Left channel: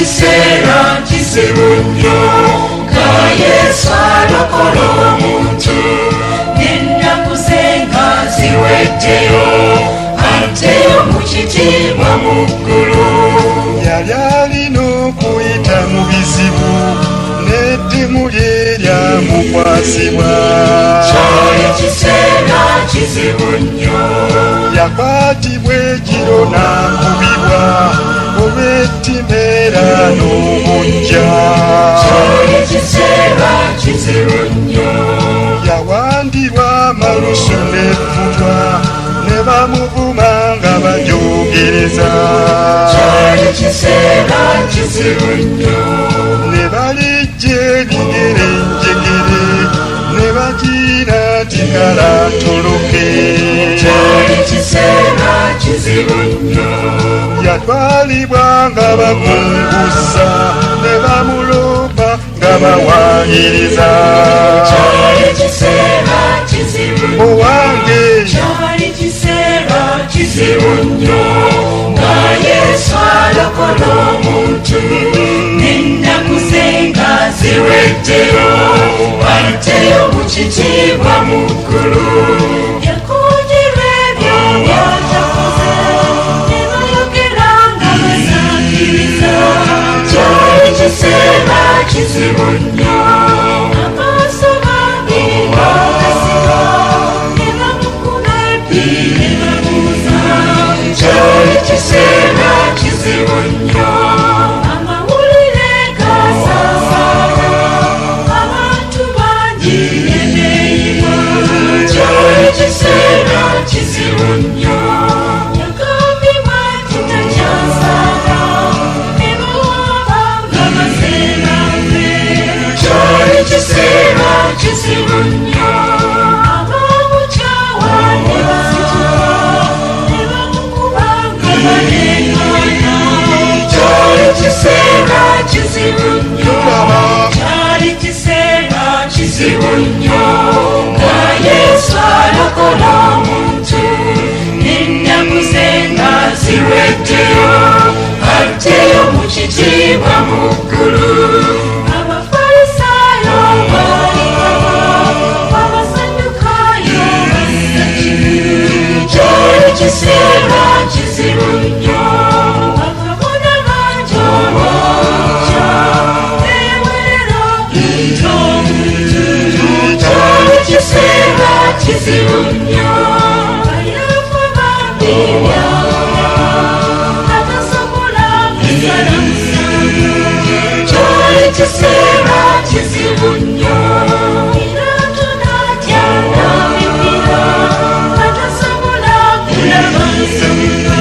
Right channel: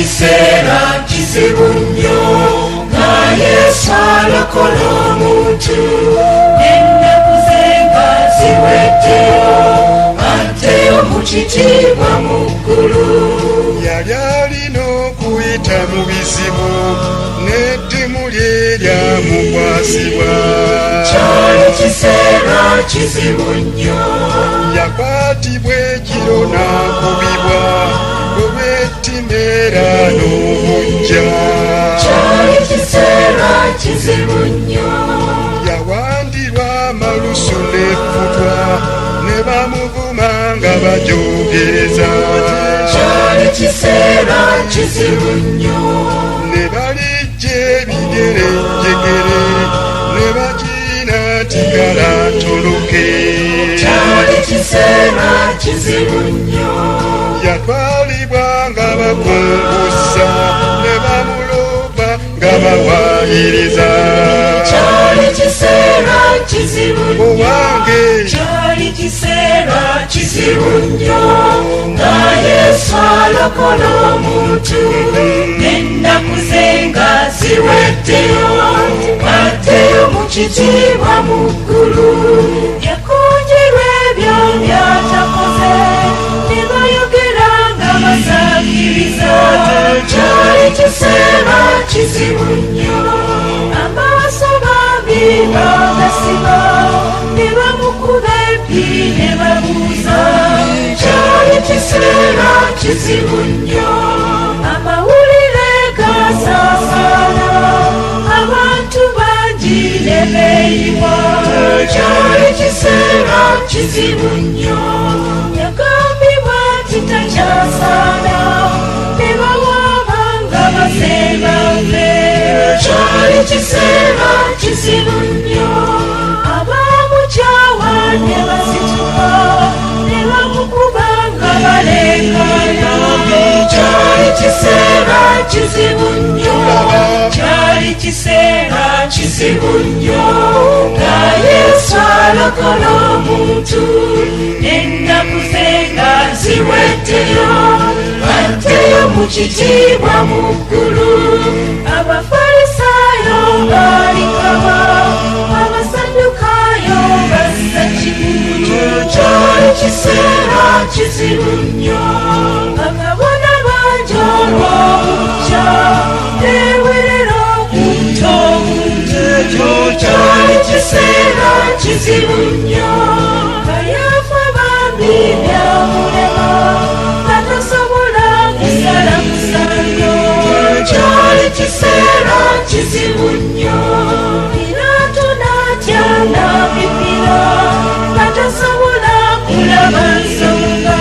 kiseera kizibu nnyo nga Yesu alokola omuntu ennaku ze nga ziweddeyo ateyo mu kitiibwa mu ggulu. Yali alina okuyita mu bizibu n'eddimu lye lyamukwasibwa. Kyali kiseera kizibu nnyo. Yakwatibwa ekiro n'akubibwa olw'ettima era n'omuggya. Kyali kiseera kizibu nnyo. Yawandirwa amalusu n'effutwa ne bamuvuma nga bajoogereza. Kyali kiseera kizibu nnyo. Ne balijja ebigere njegere ne bakiina tigala atoloke. Kyali kiseera kizibu nnyo. Yatwalibwa nga bakungusa ne bamulopa nga bawaayiriza. Kyali kiseera kizibu nnyo. Owange Kyali kiseera kizibu nnyo nga Yesu alokola omuntu n'ennaku ze nga ziweddeyo ateyo mu kitiibwa mu ggulu. Yakuunyirwa ebyo by'atakoze ne bayogera nga basaakiriza. Kyali kiseera kizibu nnyo. Amaaso bambi bagasiba ne bamukuba ebbi ne bamubuza. Kyali kiseera kizibu nnyo. Amawulire gasaasaana abantu bangi ne beeyiwa. Kyali kiseera kizibu nnyo. Yagambibwa nti takyasaana ne bawamba nga basemba nfe. Kyali kiseera kizibu nnyo. Abamukyawa ne basituka ne bamukuba nga baleekaana. Kyali kiseera kizibu nnyo. Kyali kiseera kizibu nnyo nga Yesu alokola omuntu n'ennaku ze nga ziweddeyo ateyo mu kitiibwa mu ggulu. Abafalisaayo balikaba abasaddukaayo bassa kigulu. Kyali kiseera kizibu nnyo. Bakabona bangi olw'obukya beewerera okunta omuntu. Kyali kiseera kizibu nnyo. Bayafa bambi byawulema nga tasobola kusala musango. Kyali kiseera kizibu nnyo. Piraato n'atya n'awikira nga tasobola kulaba nsonga.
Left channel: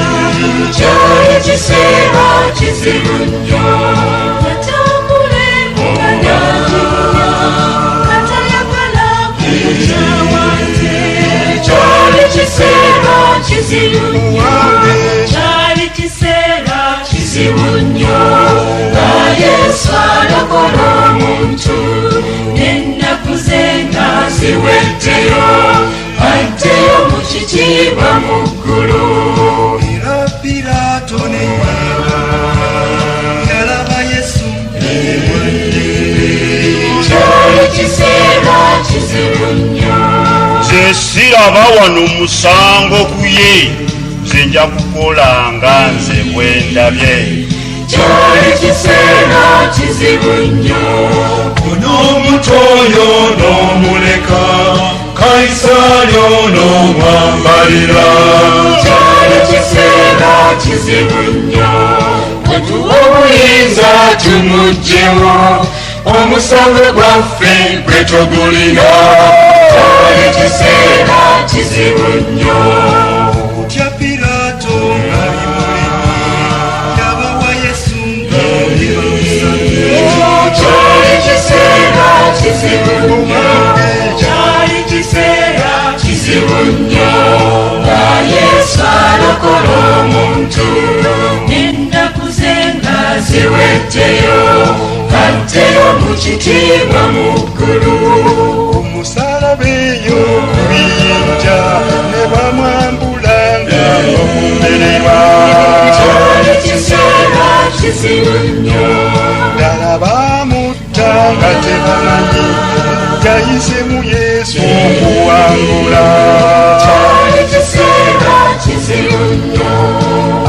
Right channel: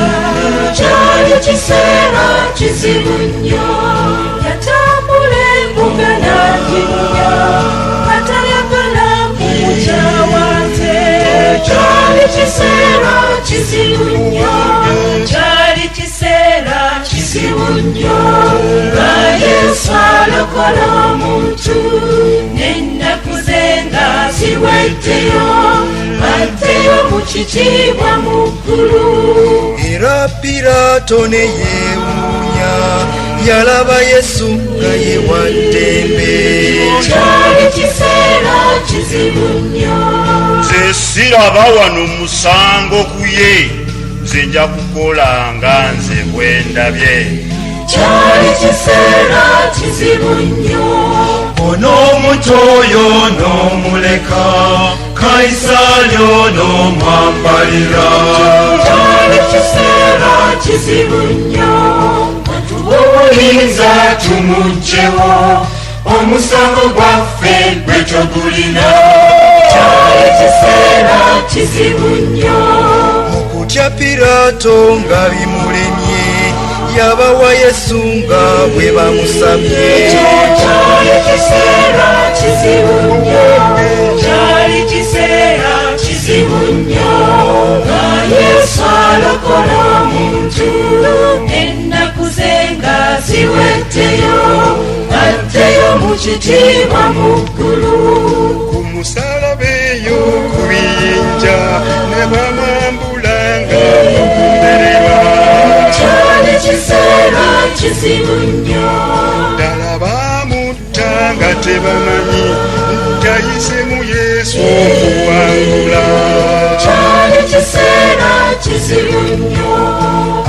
Kyali kiseera kizibu nnyo. Yatambula embuga n'agibunya nga tayagala kumukyawa nze. Kyali kiseera kizibu nnyo. Kyali kiseera kizibu nnyo nga Yesu alokola omuntu n'ennaku ze nga ziweddeyo ateyo mu kitiibwa mu ggulu. era Piraato ne yeewuunya yalaba Yesu naye wa ddembe. Kyali kiseera kizibu nnyo. nze siraba wano musango ku ye, nze nja kukola nga nze bwe ndabye. Kyali kiseera kizibu nnyo. Onoomuto oyo n'omuleka, Kayisaali onoomwambalira. Kyali kiseera kizibu nnyo. Katuwa obuyinza tumuggyewo, omusango gwaffe gwe togulina. Kyali kiseera kizibu nnyo. Okutya Piraato nga bimulimye, yabawa Yesu nga bwe bamusabye. Kyali kiseera kizibu nnyo. Kyali kiseera kizibu nnyo nga Yesu alokola omuntu n'ennaku ze nga ziweddeyo ateyo mu kitiibwa mu ggulu. Ku musaalaba eyo ku biyinja ne bamwambula nga mukumererwa. Kyali kiseera kizibu nnyo. yesu okuwangula kyali kiseera kizibu nnyo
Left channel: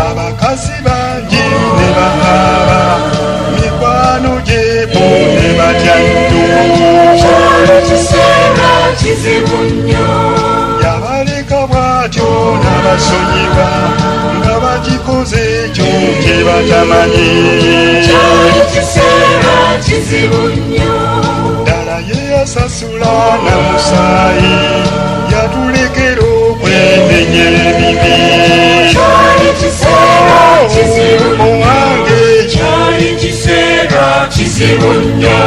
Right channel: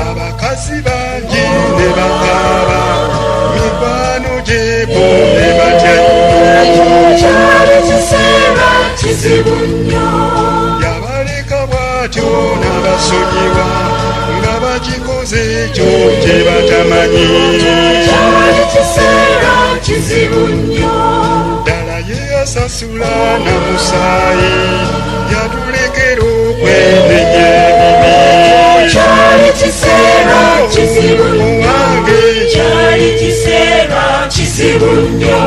abakazi bangi ne bakaaba mikwano gyebo ne batya nnyo kyali kiseera kizibu nnyo yabaleka bw'atyo n'abasonyiwa nga bagikoze ekyo kye batamanyi kyali kiseera kizibu nnyo ddala ye yasasula na musaayi yatulekera okwemenyera ebibi kyali kiseera kizibu nnyo wange kyali kiseera kizibu nnyo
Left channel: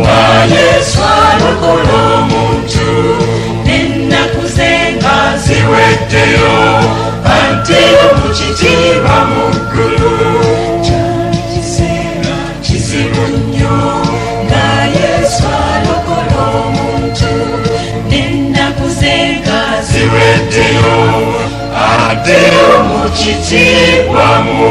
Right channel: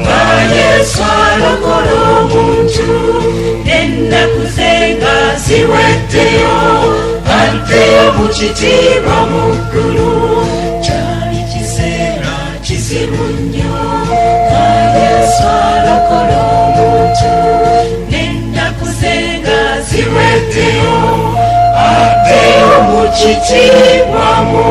nga yesu alokola omuntu n'ennaku ze nga ziweddeyo ate mu kitiibwa mu ggulu kyali kiseera kizibu nnyo nga yesu alokola omuntu n'ennaku ze nga ziweddeyo ate mu kitiibwa mu